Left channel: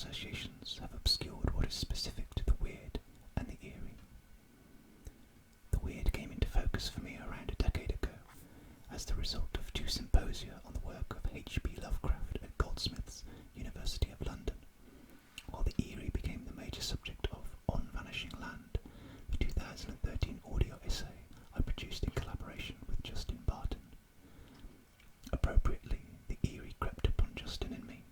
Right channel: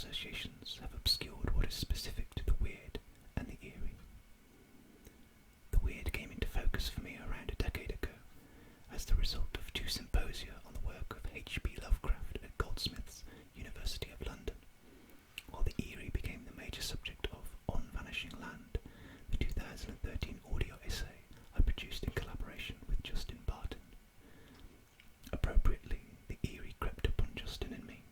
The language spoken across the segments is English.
associations have obscured what is specific to the weird and the eerie. The weird came into focus for me around a decade ago as the result of 2 symposia on the work of H.P. Lovecraft at Goldsmiths, University of London, while the eerie became the major subject of On Vanishing Land, the 2013 audio essay I produced in collaboration with Justin Barton. Appropriately, the eerie crept upon Justin and me.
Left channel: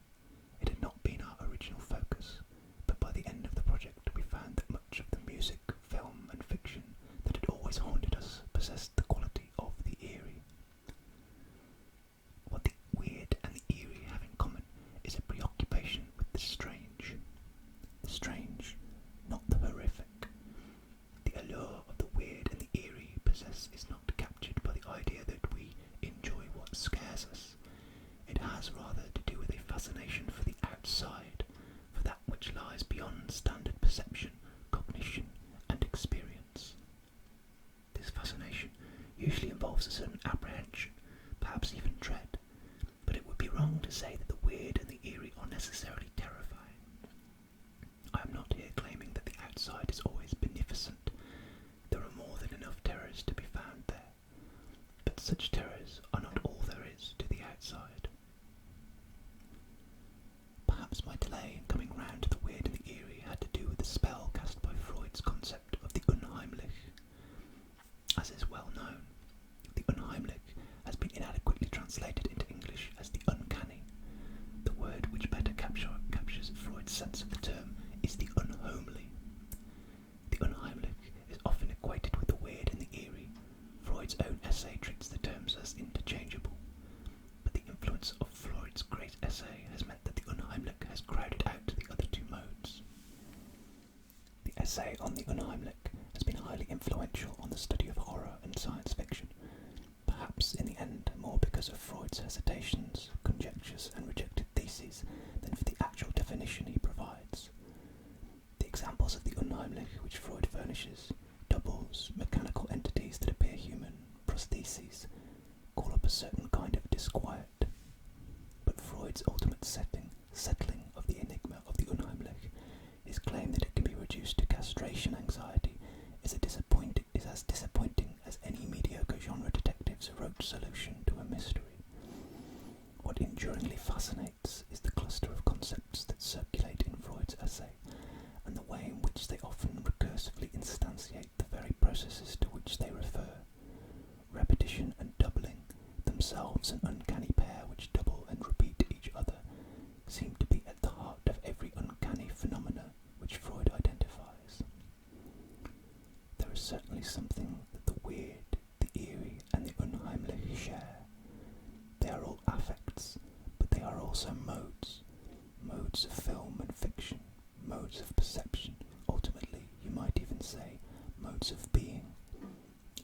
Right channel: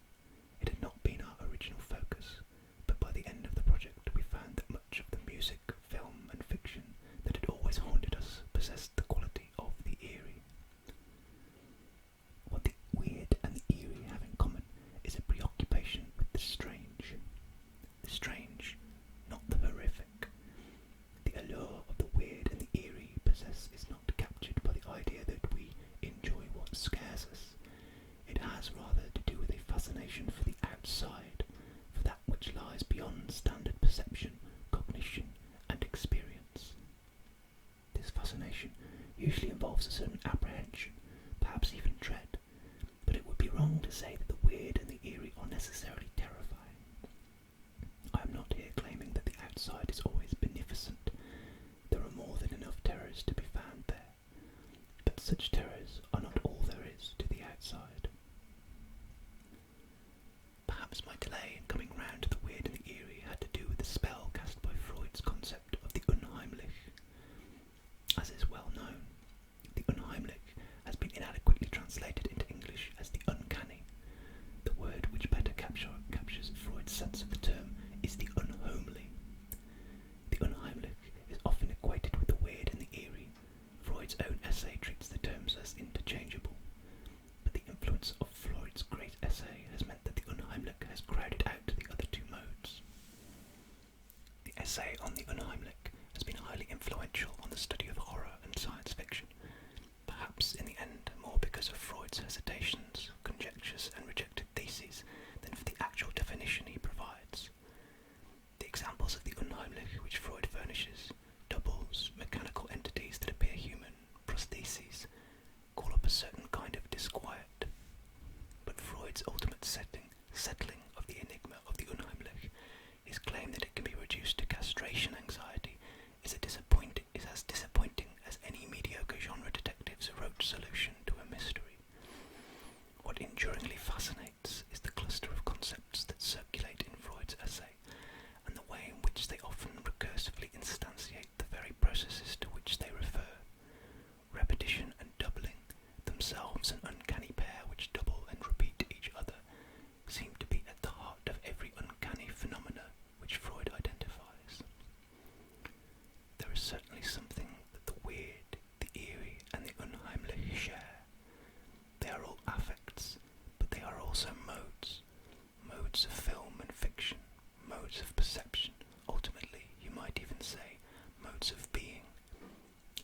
It had not been our original focus, but by the end of the project we found that much of the music, film and fiction that had always haunted us possessed the quality of the eerie. What the weird and the eerie have in common is a preoccupation with the strange. The strange, not the horrific. The allure of the weird and the eerie possess is not captured by the idea that we enjoy what scares us. It has rather to do with a fascination for the outside, for that which lies beyond standard perception, cognition and experience. This fascination usually involves a certain apprehension, perhaps even dread, but it would be wrong to say that the weird and the eerie are necessarily terrifying. I am not here claiming that the outside is always beneficent. There are more than enough terrors to be found there, but such terrors are not all there is to the outside. Perhaps my delay in coming round to the weird and the eerie had to do with the spell cast by Freud's concept of the unheimlich. As is well known, the unheimlich has been inadequately translated into English as the uncanny. The word which better captures Freud's sense of the term is the unhomely. The unheimlich is often equated with the weird and the eerie. Freud's own essay treats the terms as interchangeable, but the influence of Freud's great essay has meant that the unheimlich has crowded out the other 2 modes. The essay on the unheimlich has been highly influential on the study of horror and science fiction, perhaps in the end more because of Freud's hesitations, conjectures and rejected theses than for the actual definition he provides. The examples of the unheimlich which Freud furnishes, doubles, mechanical entities that appear human, prostheses, call up a certain kind of disquiet. But Freud's ultimate settling of the enigma of the unheimlich, his claim that it can be reduced to castration anxiety, is as disappointing as any mediocre genre detective's rote solution to a mystery. What enduringly fascinates is the cluster of concepts that circulate in Freud's essay, and the way in which they often recursively instantiate the very processes to which they refer. Repetition and doubling, themselves an uncanny pair which double and repeat each other, seem to be at the heart of every uncanny phenomena which Freud identifies. There is certainly something that the weird, the eerie and the unheimlich share. They are all affects, but they are also modes of film and fiction, modes of perception, ultimately you might even say modes of being.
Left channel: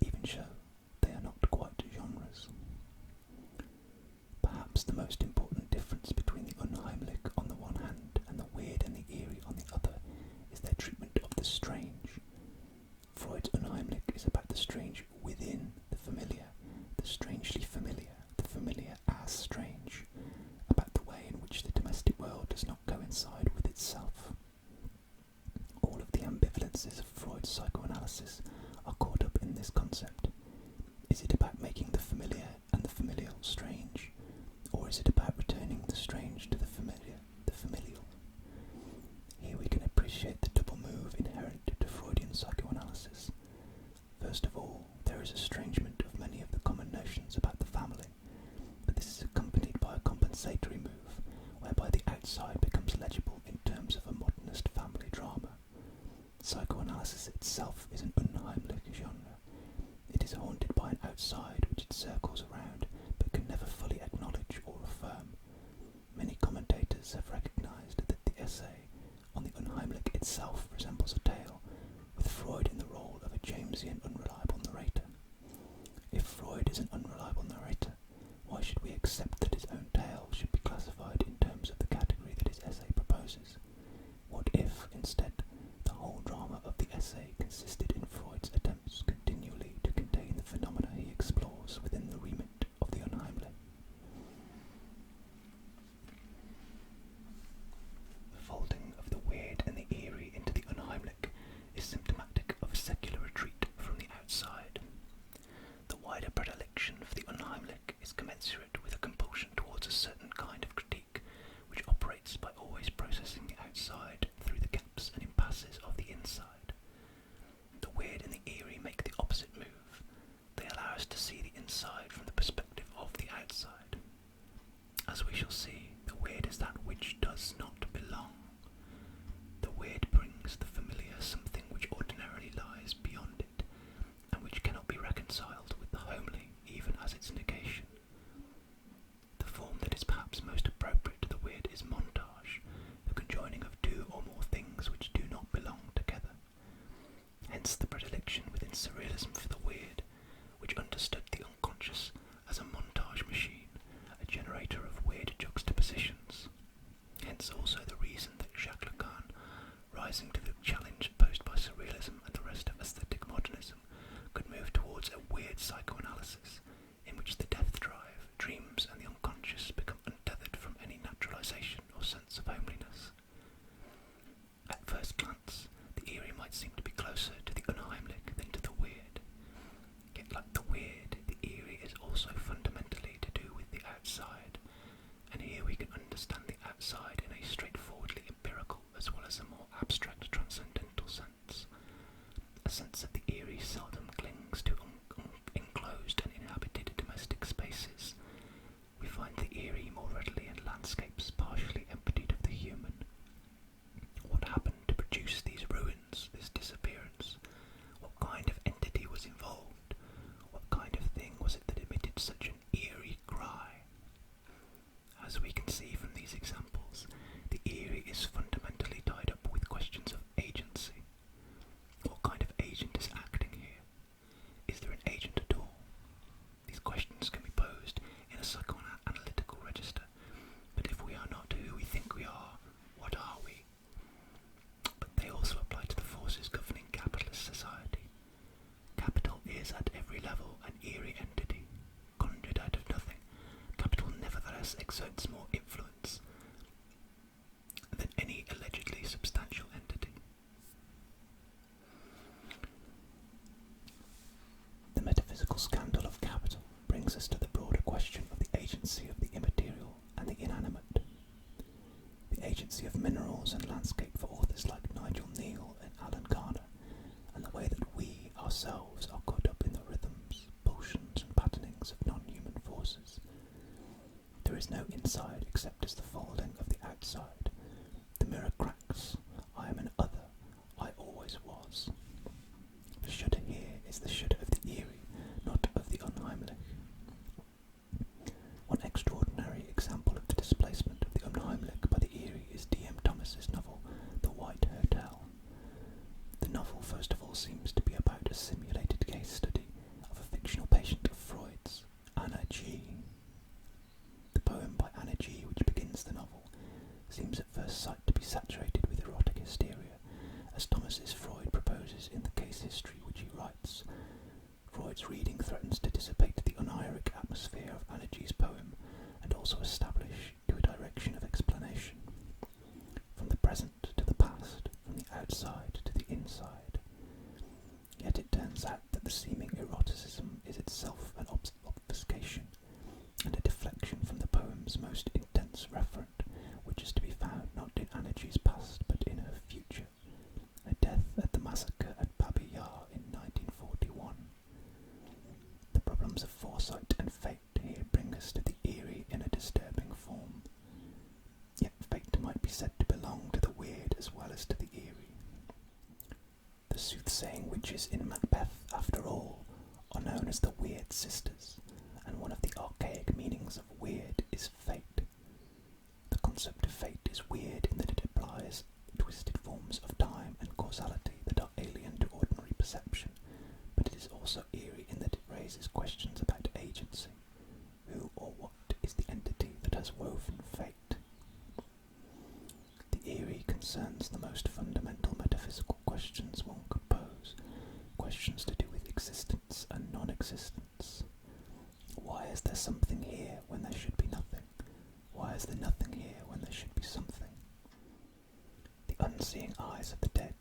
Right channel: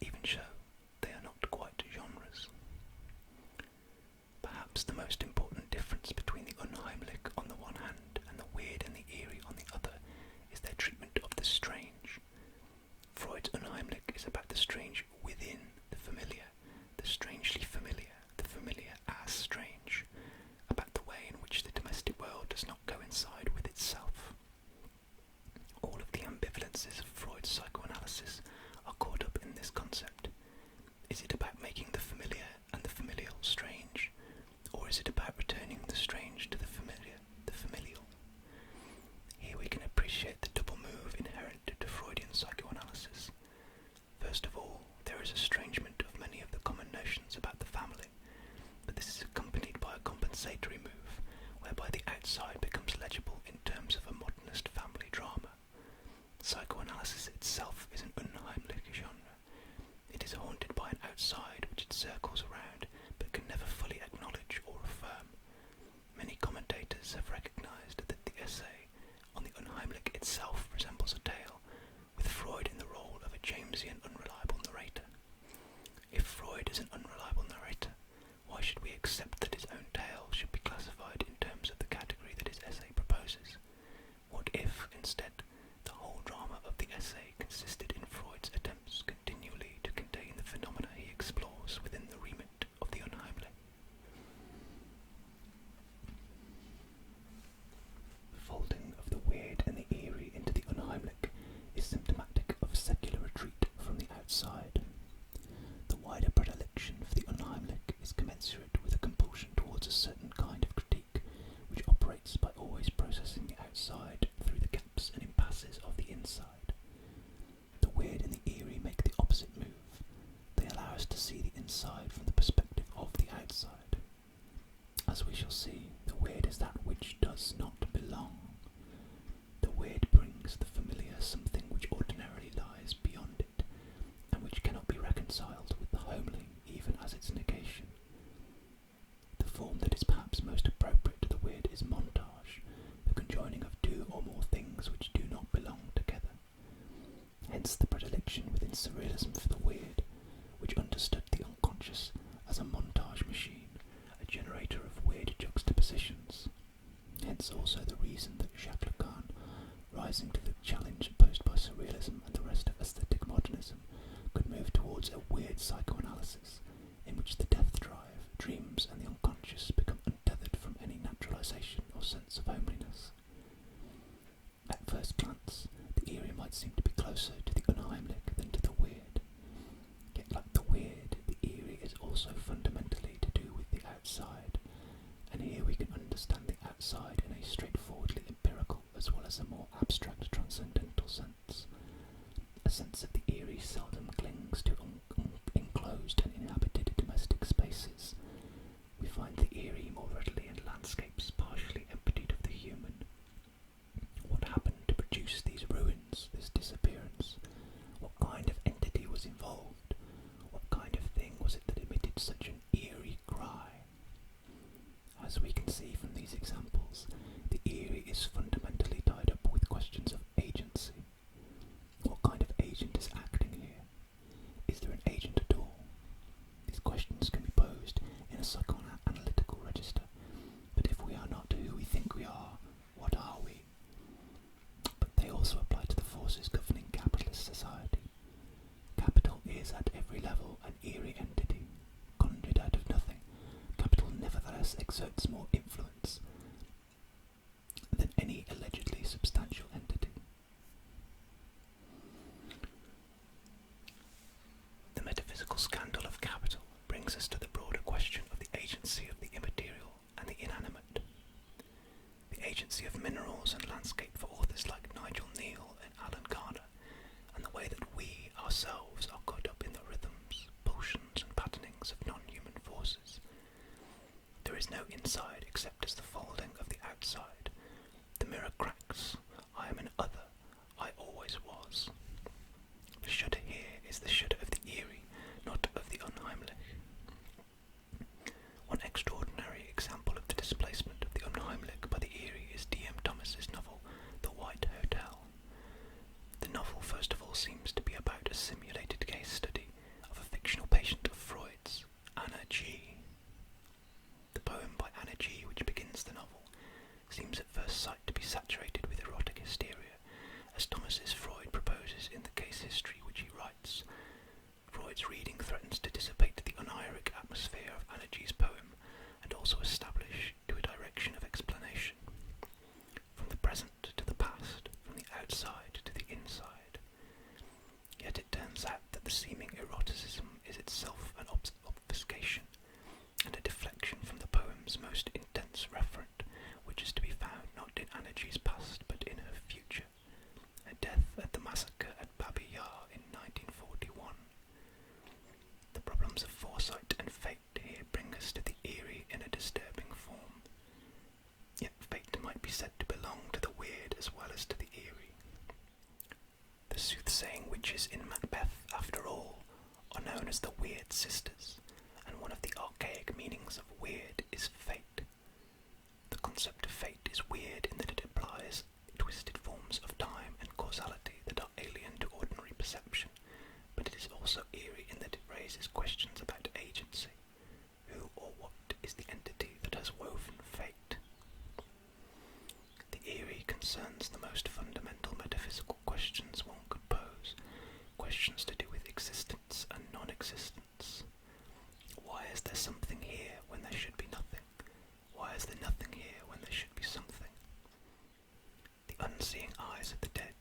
Even so, they are not quite genres. Perhaps the most important difference between the unheimlich on the one hand and the weird and the eerie on the other is their treatment of the strange. Freud's unheimlich is about the strange within the familiar, the strangely familiar, the familiar as strange, about the way in which the domestic world does not coincide with itself. All of the ambivalences of Freud's psychoanalysis are caught up in this concept. Is it about making the familiar and the familial strange, or is it about returning the strange to the familiar, the familial? Here we can appreciate the double move inherent to Freudian psychoanalysis. First of all, there is estrangement of many of the common notions about the family, but this is accompanied by a compensatory move, whereby the outside becomes legible in terms of a modernist family drama. Psychoanalysis itself is an unheimlich genre. It is haunted by an outside which it circles around, but can never fully acknowledge or affirm. Many commentators have recognized that the essay on the unheimlich itself resembles a tale, with Freud in the role of a Jamesian unreliable narrator. If Freud is an unreliable narrator, why should we accept that his own tale should be classified in terms of the category that his essay proposes? What if, instead, the whole drama of the essay consisted in Freud's attempts continually to contain the phenomena he explores within the remit of the unheimlich? The folding inside. The weird and the eerie make the opposite move. They allow us to see the inside from the perspective of the outside. As we shall see, the weird is that which does not belong. The weird brings the familiar something which ordinarily lies beyond it, and which cannot be reconciled with the homely, even as its negation. The form that is perhaps most appropriate to the weird is montage, the conjoining of two or more things which do not belong together. Hence the predilection within surrealism for the weird, which understood the unconscious as a montage machine, a generator of weird juxtapositions. Hence also the reason that Jacques Lacan, rising to the challenge posed by surrealism and the rest of aesthetic modernism, could move towards a weird psychoanalysis, in which the death drive, dreams and the unconscious become untethered from any naturalization or sense of homeliness. At first glance, the eerie might seem to be closer to the unheimlich than to the weird. Yet like the weird, the eerie is also fundamentally to do with the outside, and here we can understand the outside in a straightforwardly empirical as well as a more abstract transcendental sense. A sense of the eerie seldom clings to enclosed and inhabited domestic spaces. We find the eerie more readily in landscapes partially emptied of the human. What happened to produce these ruins, this disappearance? What kind of entity was involved? What kind of thing was it that emitted such an eerie cry? As we can see from these examples, the eerie is fundamentally tied up with questions of agency. What kind of agent is acting here? Is there an agent at all? These questions can be posed in a psychoanalytical register, but if we are not who we think we are, what are we? But they also apply to the forces governing capitalist society. Capital is at every level an eerie entity, conjured out of nothing. Capital nevertheless exerts more influence than any allegedly substantial entity. The metaphysical scandal of capital brings us to the broader question of the agency of the immaterial and the inanimate. The agency of minerals and landscape for authors like Nigel Neal and Alan Garner, and the way that we ourselves are caught up in the rhythms, pulsions and patternings of non-human forces. There is no inside except as the folding of the outside. The mirror cracks. I am an other. I always was. The shudder here is the shudder of the eerie, not of the unheimlich. One extraordinary example of the displacement of the unheimlich by the eerie is D.M. Thomas's novel, The White Hotel. The novel, first of all, seems to be about a simulated case study of a fictional patient of Freud's, Anna G. The poem by Anna G, which begins the novel, seems at first sight to be saturated with erotic hysteria, as Thomas's Freud proposes in the case history which he writes. Freud's reading threatens to dissipate the uneiric atmosphere of Anna G's poem, and also establish to a direction of explanation. From the present to the past, from the outside to the inside. Yet it turns out that the seeming eroticism is itself an obfuscation, and a deflection from the poem's most intense referent, which is to be found not in Anna G's past but in her future, her death at the massacre at Babi Yar in 1941. The problems of foresight and fate here bring us to the eerie in a disturbing form. Yet fate might be said to belong to the weird as well as to the eerie. The soothsaying witches in Macbeth, after all, are known as the Weird Sisters, and one of the archaic meanings of weird is fate. The concept of fate is weird in that it implies twisted forms of time and causality that are alien to ordinary perception, but it is also eerie in that it raises questions about agency. Who or what is the entity that has woven fate? The eerie concerns the most fundamental metaphysical questions one could pose, questions to do with existence and non-existence. Why is there something here when there should be nothing? Why is there nothing here when there should be something? The unseeing eyes of the dead,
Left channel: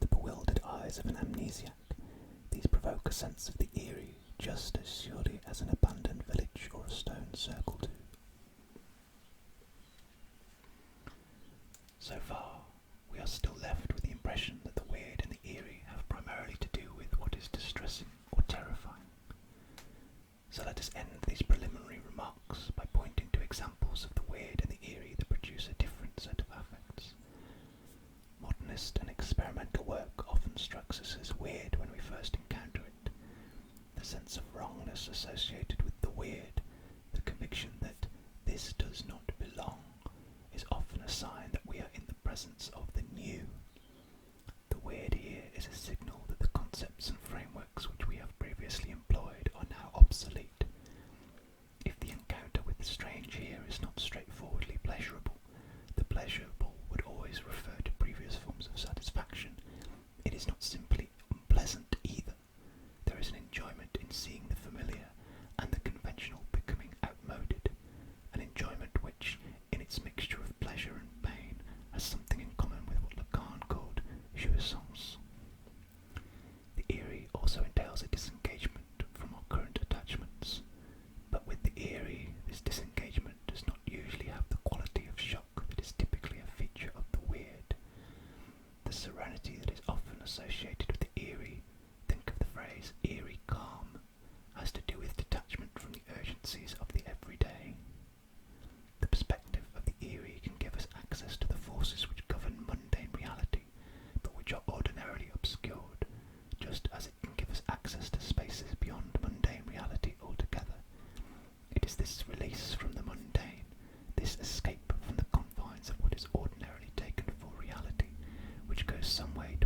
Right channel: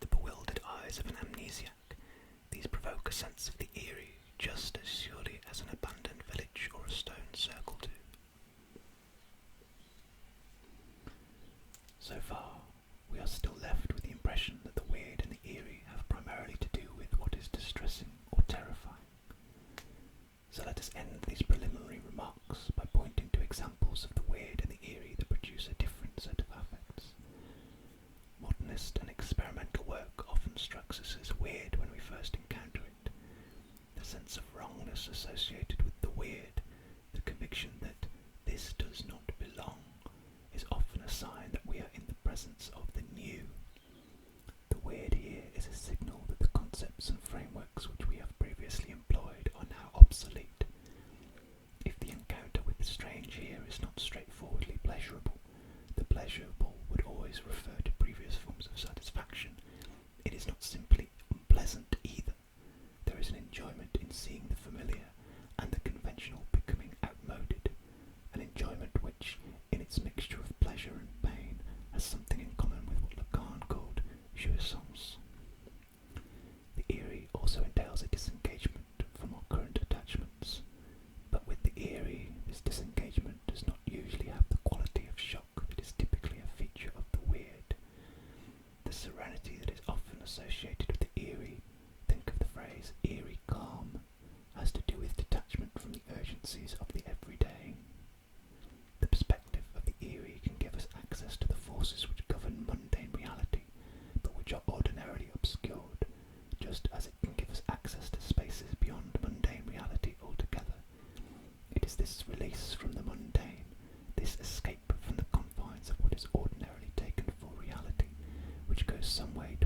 the bewildered eyes of an amnesiac, these provoke a sense of the eerie just as surely as an abandoned village or a stone circle do. So far, we are still left with the impression that the weird and end these preliminary remarks by pointing to examples of the weird and the eerie that produce a different set of affects. Modernist and experimental work often strikes us as weird when we first encounter it. The sense of wrongness associated with the weird, the conviction that this does not belong, is often a sign that we are in the presence of the new. The weird here is a signal that the concepts and frameworks which we have previously employed are now obsolete. If the encounter with the strange here is not straightforwardly pleasurable, the pleasurable would always refer to previous forms of satisfaction. It is not simply unpleasant either. There is an enjoyment in seeing the familiar and the conventional becoming outmoded, an enjoyment which, in its mixture of pleasure and pain, has something in common with what Lacan called jouissance. The eerie also entails a disengagement from our current attachments, but with the eerie, this disengagement does not usually have the quality of shock that is typically a feature of the weird. The serenity that is often associated with the eerie, think of the phrase eerie calm, has to do with detachment from the urgencies of the everyday. The perspective of the eerie can give us access to the forces which govern mundane reality, but which are ordinarily obscured, just as it can give us access to spaces beyond mundane reality altogether. It is this release from the mundane, this escape from the confines of what is ordinarily taken for reality, which goes some way